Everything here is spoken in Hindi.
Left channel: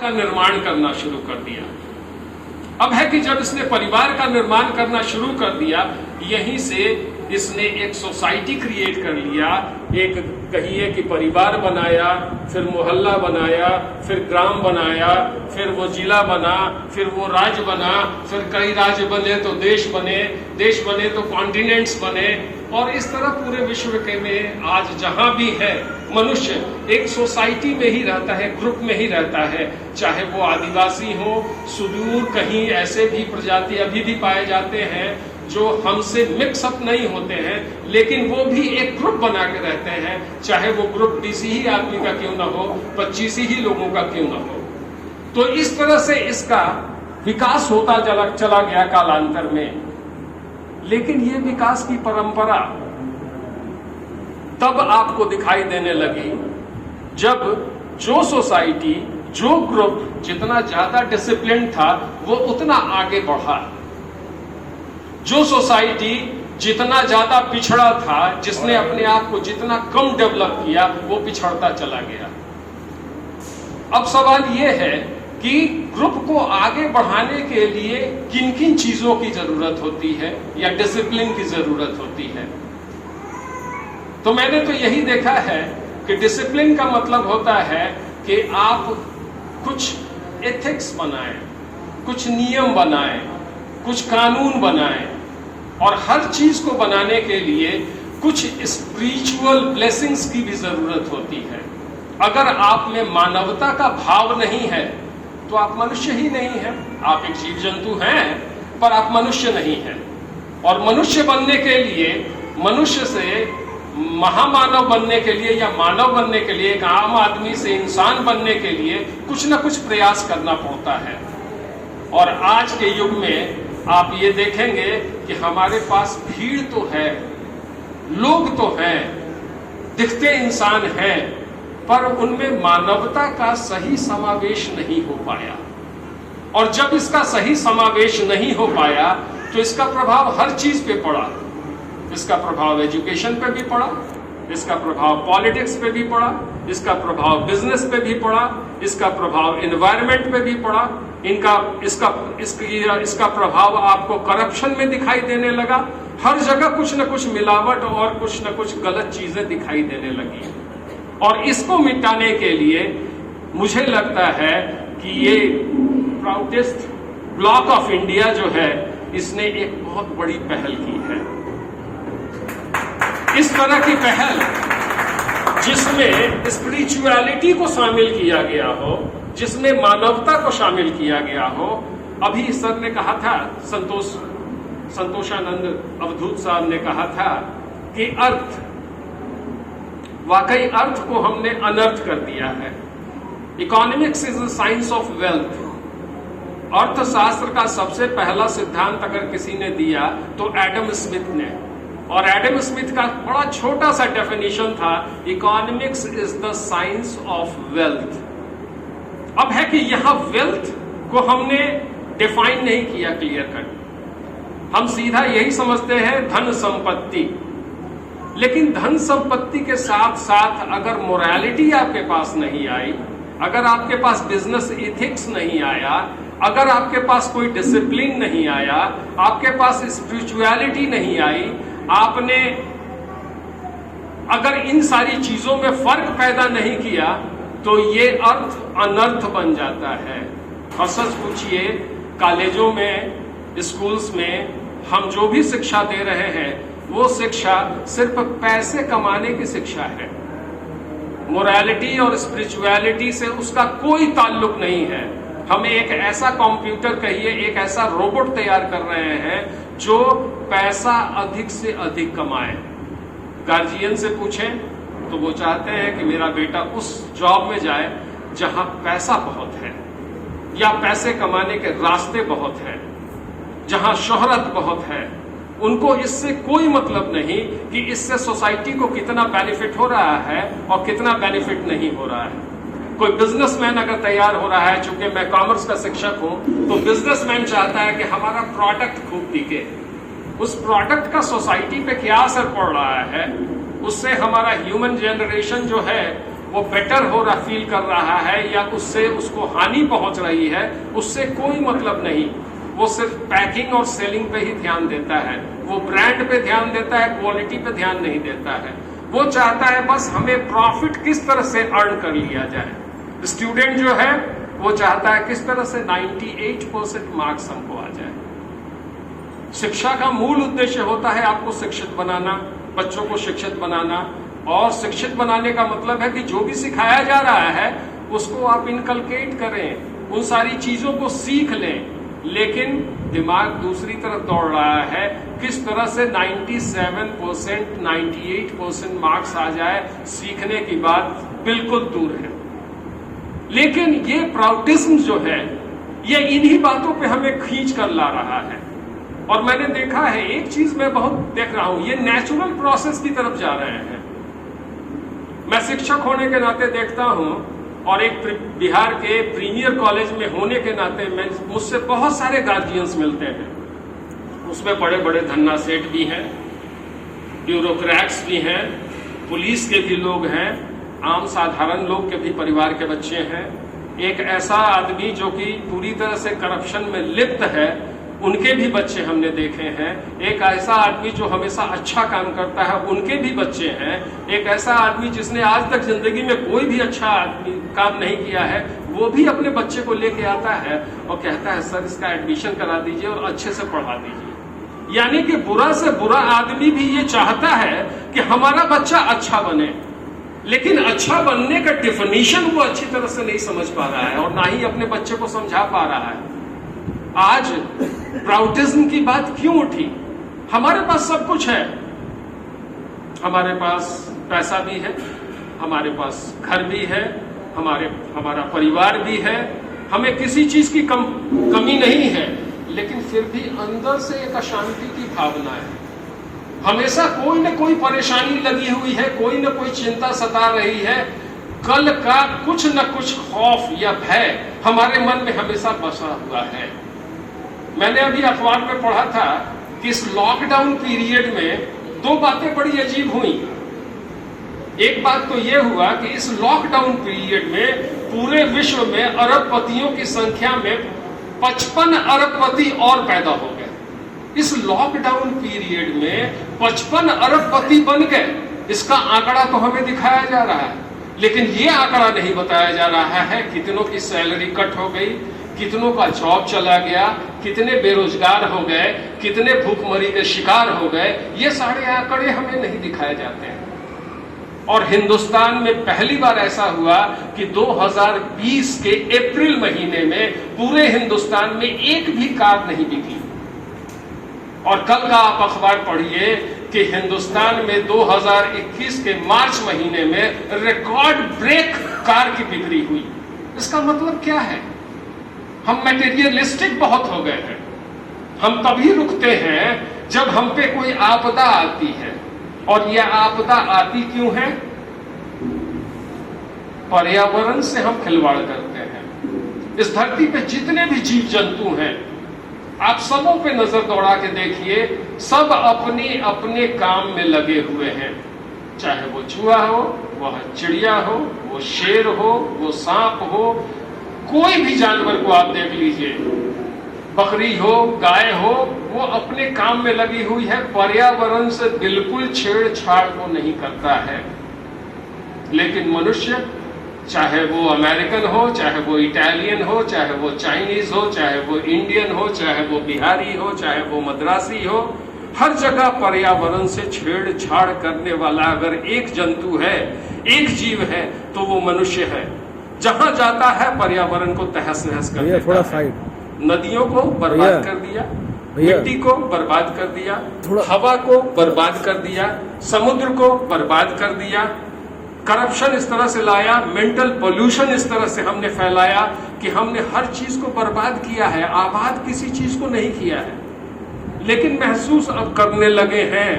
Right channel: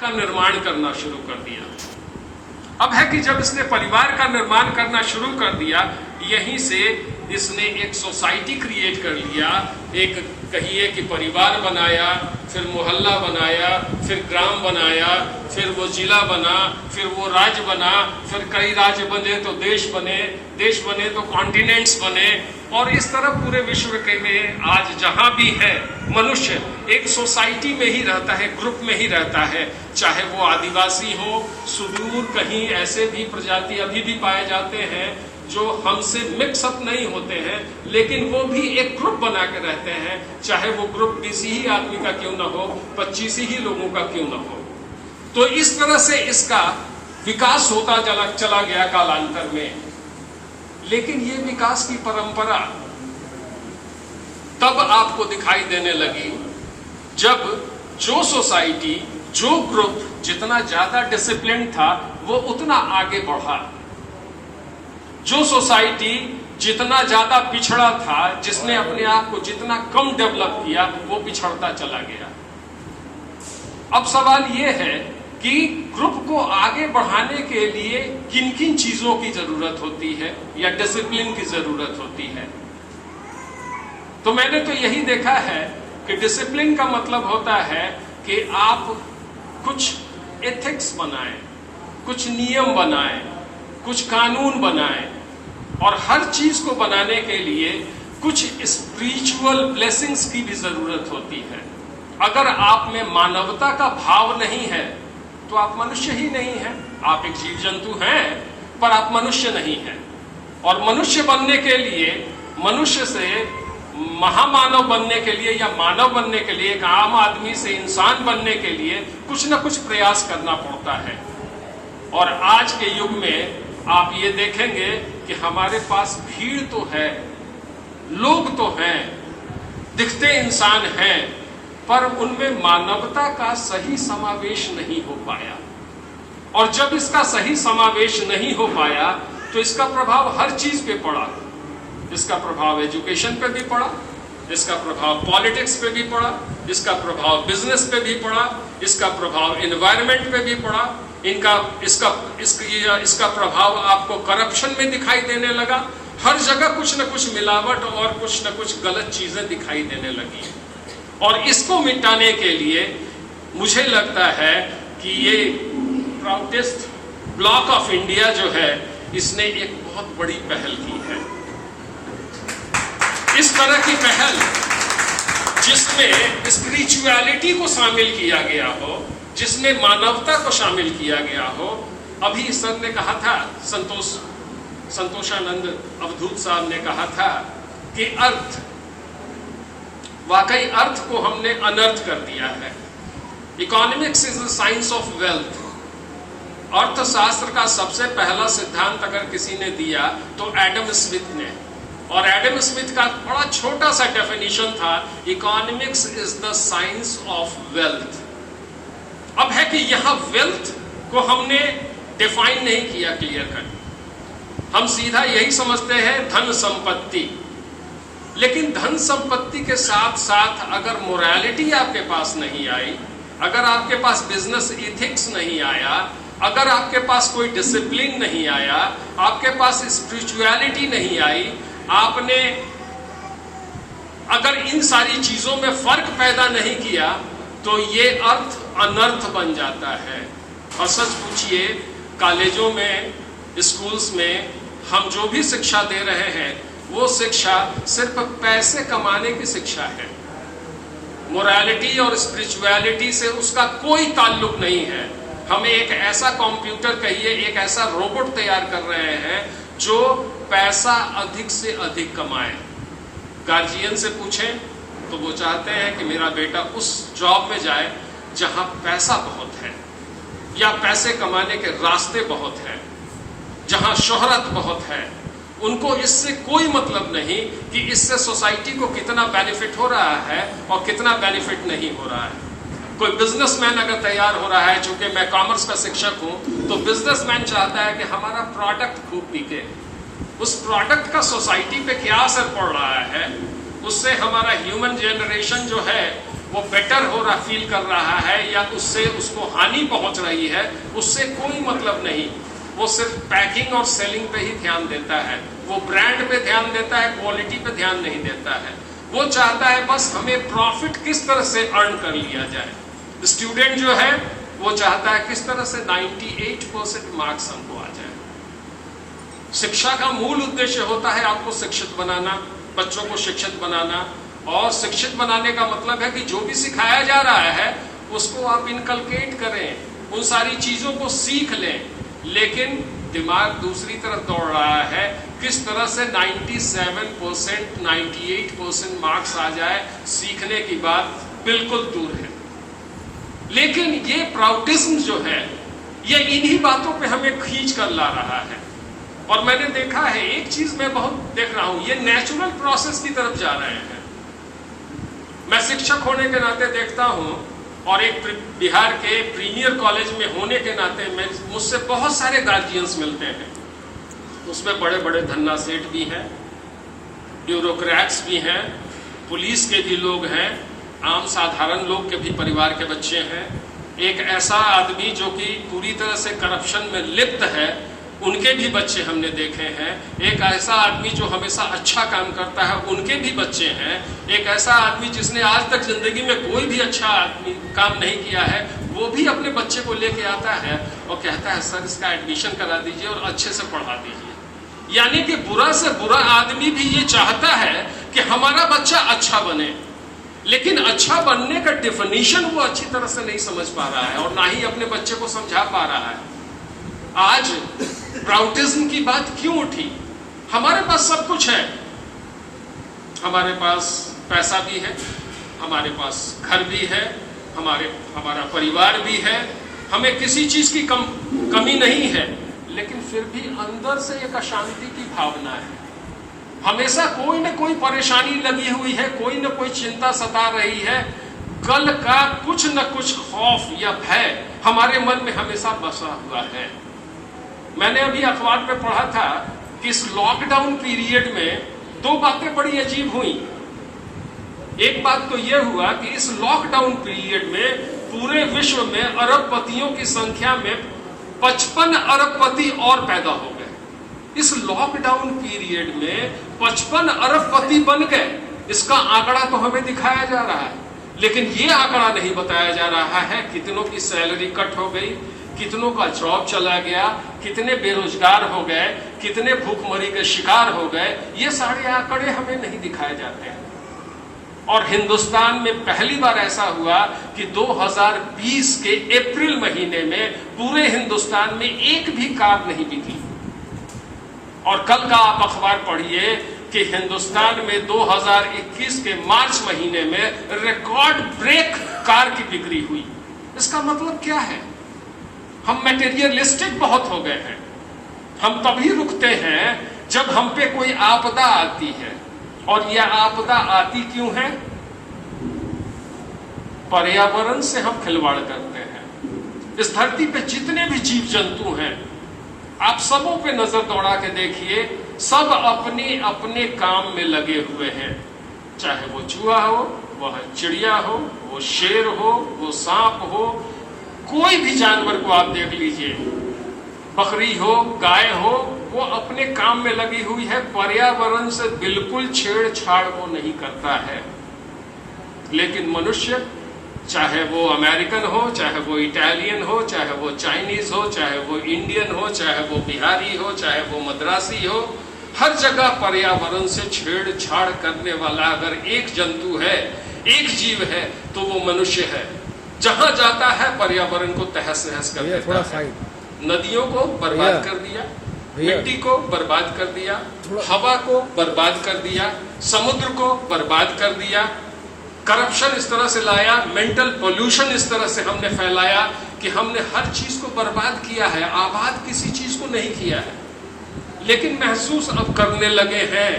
का निर्माण करना शुरू कर दिया। अब है कि जब इसने परिवार का निर्माण करना शुरू कर दिया, यहीं से इसने एक सोसाइटी क्रिएट कर लिया। एक कहिए कि परिवार बनाया, फिर मोहल्ला बनाया, फिर ग्राम बनाया, फिर वो जिला बना, फिर वो राज्य बना, फिर कई राज्य बने तो देश बने, देश बने तो कॉन्टिनेंट्स बने, और इस तरह पूरे विश्व के में आज जहां भी है मनुष्य एक सोसाइटी में ही रहता है, ग्रुप में ही रहता है। चाहे वो आदिवासी हो, सुदूर कहीं ऐसे भी प्रजाति अभी भी पाए जाते हैं जो हमसे मिक्सअप नहीं होते हैं, लेकिन वो भी एक ग्रुप बना के रहते हैं, चाहे वो ग्रुप 20 ही आदमी का क्यों ना हो, 25 ही लोगों का क्यों ना हो। तो इस तरह से इसका विकास होता चला गया कालांतर में। लेकिन ये विकास की परंपरा तब आपको दिखाई देने लगी जब जो सोसाइटी, जो ग्रुप जितना ज्यादा डिसिप्लिन था वो उतना आगे बढ़ा, जो सोसाइटी जितना ज्यादा पिछड़ा था, जिसने अपने आप को जितना कम डेवलप किया, वो पिछड़ता चला गया। अब सवाल यह है कि ग्रुप को आगे बढ़ाने के लिए किन किन चीजों की जरूरत होती है या डिसिप्लिन की जरूरत होती है। तो मैंने तो यही देखा है कि डिसिप्लिन का मतलब होता है कि आप कुछ एथिक्स बनाएं, कुछ नियम बनाएं, कुछ कानून बनाएं, और हर चीज को बनाने के लिए कुछ स्पिरिचुअल ब्लेसिंग्स की भी जरूरत होती है। अगर आप में मानवता का भाव नहीं है तो आप मनुष्य ही नहीं हैं। आप एक जीव जंतु हैं पर आप मनुष्य नहीं हैं। और मनुष्य बनने के लिए, मनुष्य से महामानव बनने के लिए या मानव बनने के लिए, एक आम आदमी से इंसान बनने के लिए कुछ ना कुछ प्रयास करना पड़ता है। और आज के युग में आप ये देखेंगे कि हमारे पास भीड़ तो है, लोग तो हैं, दिखते इंसान हैं, पर उनमें मानवता का सही समावेश नहीं हो पाया। और जब इसका सही समावेश नहीं हो पाया तो इसका प्रभाव हर चीज पे पड़ा। इसका प्रभाव एजुकेशन पे भी पड़ा, इसका प्रभाव पॉलिटिक्स पे भी पड़ा, इसका प्रभाव बिजनेस पे भी पड़ा, इसका प्रभाव एनवायरनमेंट पे भी पड़ा, इसका प्रभाव आपको करप्शन में दिखाई देने लगा। हर जगह कुछ न कुछ मिलावट और कुछ न कुछ गलत चीजें दिखाई देने लगी। और इसको मिटाने के लिए मुझे लगता है कि ये प्राउडेस्ट ब्लॉक ऑफ इंडिया जो है, इसने एक बहुत बड़ी पहल की है। इस तरह की पहल जिसमें स्पिरिचुअलिटी को शामिल किया गया हो, जिसमें मानवता को शामिल किया गया हो। अभी सर ने कहा था, संतोषानंद अवधूत साहब ने कहा था कि अर्थ, वाकई अर्थ को हमने अनर्थ कर दिया है। Economics is the science of wealth. अर्थशास्त्र का सबसे पहला सिद्धांत अगर किसी ने दिया तो एडम स्मिथ ने, और एडम स्मिथ का बड़ा छोटा सा डेफिनेशन था, economics is the science of wealth. अब है कि यहां वेल्थ को हमने डिफाइन नहीं किया क्लियर कट। हम सीधा यही समझते हैं धन संपत्ति, लेकिन धन संपत्ति के साथ साथ अगर मोरालिटी आपके पास नहीं आई, अगर आपके पास बिजनेस एथिक्स नहीं आया, अगर आपके पास कोई डिसिप्लिन नहीं आया, आपके पास स्पिरिचुअलिटी नहीं आई, आपने अगर इन सारी चीजों में फर्क पैदा नहीं किया, तो ये अर्थ अनर्थ बन जाता है। और सच पूछिए, कॉलेजों में, स्कूल्स में हम जो भी शिक्षा दे रहे हैं वो शिक्षा सिर्फ पैसे कमाने की शिक्षा है। मोरालिटी और स्पिरिचुअलिटी से उसका कोई ताल्लुक नहीं है। हम एक ऐसा कंप्यूटर कहिए, एक ऐसा रोबोट तैयार कर रहे हैं जो पैसा अधिक से अधिक कमाए। गार्जियन से पूछें तो वो चाहते हैं कि मेरा बेटा उस जॉब में जाए जहां पैसा बहुत है, या पैसे कमाने के रास्ते बहुत हैं, जहां शोहरत बहुत है। उनको इससे कोई मतलब नहीं कि इससे सोसाइटी को कितना बेनिफिट हो रहा है और कितना बेनिफिट नहीं हो रहा है। कोई बिजनेसमैन अगर तैयार हो रहा है, चूंकि मैं कॉमर्स का शिक्षक हूं, तो बिजनेसमैन चाहता है कि हमारा प्रोडक्ट खूब बिके। उस प्रोडक्ट का सोसाइटी पे क्या असर पड़ रहा है, उससे हमारा ह्यूमन जनरेशन जो है वो बेटर हो रहा फील कर रहा है या उससे उसको हानि पहुंच रही है, उससे कोई मतलब नहीं। वो सिर्फ पैकिंग और सेलिंग पे ही ध्यान देता है, वो ब्रांड पे ध्यान देता है, क्वालिटी पे ध्यान नहीं देता है। वो चाहता है बस हमें प्रॉफिट किस तरह से अर्न कर लिया जाए। स्टूडेंट जो है वो चाहता है किस तरह से 98% मार्क्स हमको आ जाए। शिक्षा का मूल उद्देश्य होता है आपको शिक्षित बनाना, बच्चों को शिक्षित बनाना। और शिक्षित बनाने का मतलब है कि जो भी सिखाया जा रहा है उसको आप इनकलकेट करें, उन सारी चीजों को सीख लें। लेकिन दिमाग दूसरी तरफ दौड़ रहा है, किस तरह से 97%, 98% मार्क्स आ जाए, सीखने की बात बिल्कुल दूर है। लेकिन ये प्राउडिज्म जो है ये इन्हीं बातों पे हमें खींच कर ला रहा है। और मैंने देखा है, एक चीज मैं बहुत देख रहा हूं, ये नेचुरल प्रोसेस की तरफ जा रहे हैं। मैं शिक्षक होने के नाते देखता हूं और एक बिहार के प्रीमियर कॉलेज में होने के नाते मुझसे बहुत सारे गार्जियंस मिलते हैं। उसमें बड़े बड़े धन्ना सेठ भी हैं, ब्यूरोक्रेट्स भी हैं, पुलिस के भी लोग हैं, आम साधारण लोग के भी परिवार के बच्चे हैं। एक ऐसा आदमी जो कि पूरी तरह से करप्शन में लिप्त है, उनके भी बच्चे हमने देखे हैं। एक ऐसा आदमी जो हमेशा अच्छा काम करता है, उनके भी बच्चे हैं। एक ऐसा आदमी जिसने आज तक जिंदगी में कोई भी अच्छा काम नहीं किया है, वो भी अपने बच्चे को लेके आता है और कहता है सर इसका एडमिशन करा दीजिए और अच्छे से पढ़ा दीजिए। यानी कि बुरा से बुरा आदमी भी ये चाहता है कि हमारा बच्चा अच्छा बने, लेकिन अच्छा बनने का डिफिनीशन वो अच्छी तरह से नहीं समझ पा रहा है और ना ही अपने बच्चे को समझा पा रहा है। आज प्राउडिज्म की बात क्यों उठी? हमारे पास सब कुछ है, हमारे पास पैसा भी है, हमारे पास घर भी है, हमारा परिवार भी है, हमें किसी चीज की कमी नहीं है। लेकिन फिर भी अंदर से एक अशांति की भावना है। हमेशा कोई न कोई परेशानी लगी हुई है, कोई न कोई चिंता सता रही है। कल का कुछ न कुछ खौफ या भय हमारे मन में हमेशा बसा हुआ है। मैंने अभी अखबार में पढ़ा था कि इस लॉकडाउन पीरियड में दो बातें बड़ी अजीब हुई। एक बात तो यह हुआ कि इस लॉकडाउन पीरियड में पूरे विश्व में अरबपतियों की संख्या में 55 अरबपति और पैदा हो गए। इस लॉकडाउन पीरियड में 55 अरबपति बन गए। इसका आंकड़ा तो हमें दिखाया जा रहा है, लेकिन यह आंकड़ा नहीं बताया जा रहा है कितनों की सैलरी कट हो गई, कितनों का जॉब चला गया, कितने बेरोजगार हो गए, कितने भूखमरी के शिकार हो गए। ये सारे आंकड़े हमें नहीं दिखाए जाते हैं। और हिंदुस्तान में पहली बार ऐसा हुआ कि 2020 के अप्रैल महीने में पूरे हिंदुस्तान में एक भी कार नहीं बिकी। और कल का आप अखबार पढ़िए कि हिंदुस्तान में 2021 के मार्च महीने में रिकॉर्ड ब्रेक कार की बिक्री हुई। इसका मतलब क्या है? हम मटेरियलिस्टिक बहुत हो गए हैं। हम तभी रुकते हैं जब हम पे कोई आपदा आती है। और यह आपदा आती क्यों है? पर्यावरण से हम खिलवाड़ करते हैं। इस धरती पे जितने भी जीव जंतु हैं, आप सबों पे नजर दौड़ा के देखिए, सब अपने अपने काम में लगे हुए हैं। चाहे वो चूहा हो, वह चिड़िया हो, वो शेर हो, वो सांप हो, कोई भी जानवर को आप देख लीजिए, बकरी हो, गाय हो, वो अपने काम में लगी हुई है। पर्यावरण से बिल्कुल छेड़छाड़ वो नहीं करता है। लेकिन मनुष्य, चाहे वो अमेरिकन हो, चाहे वो इटालियन हो, चाहे वो चाइनीज हो, चाहे वो इंडियन हो, चाहे वो बिहारी हो, चाहे वो मद्रासी हो, हर जगह पर्यावरण से छेड़छाड़ करने वाला अगर एक जंतु है, एक जीव है, तो वो मनुष्य है। जहां जाता है पर्यावरण को तहस नहस कर देता है। नदियों को बर्बाद कर दिया, मिट्टी को बर्बाद कर दिया, हवा को बर्बाद कर दिया, समुद्र को बर्बाद कर दिया। करप्शन इस तरह से लाया, मेंटल पोल्यूशन इस तरह से हमने फैलाया कि हमने हर चीज को बर्बाद किया है, आबाद किसी चीज को नहीं किया है। लेकिन महसूस अब करने लगे हैं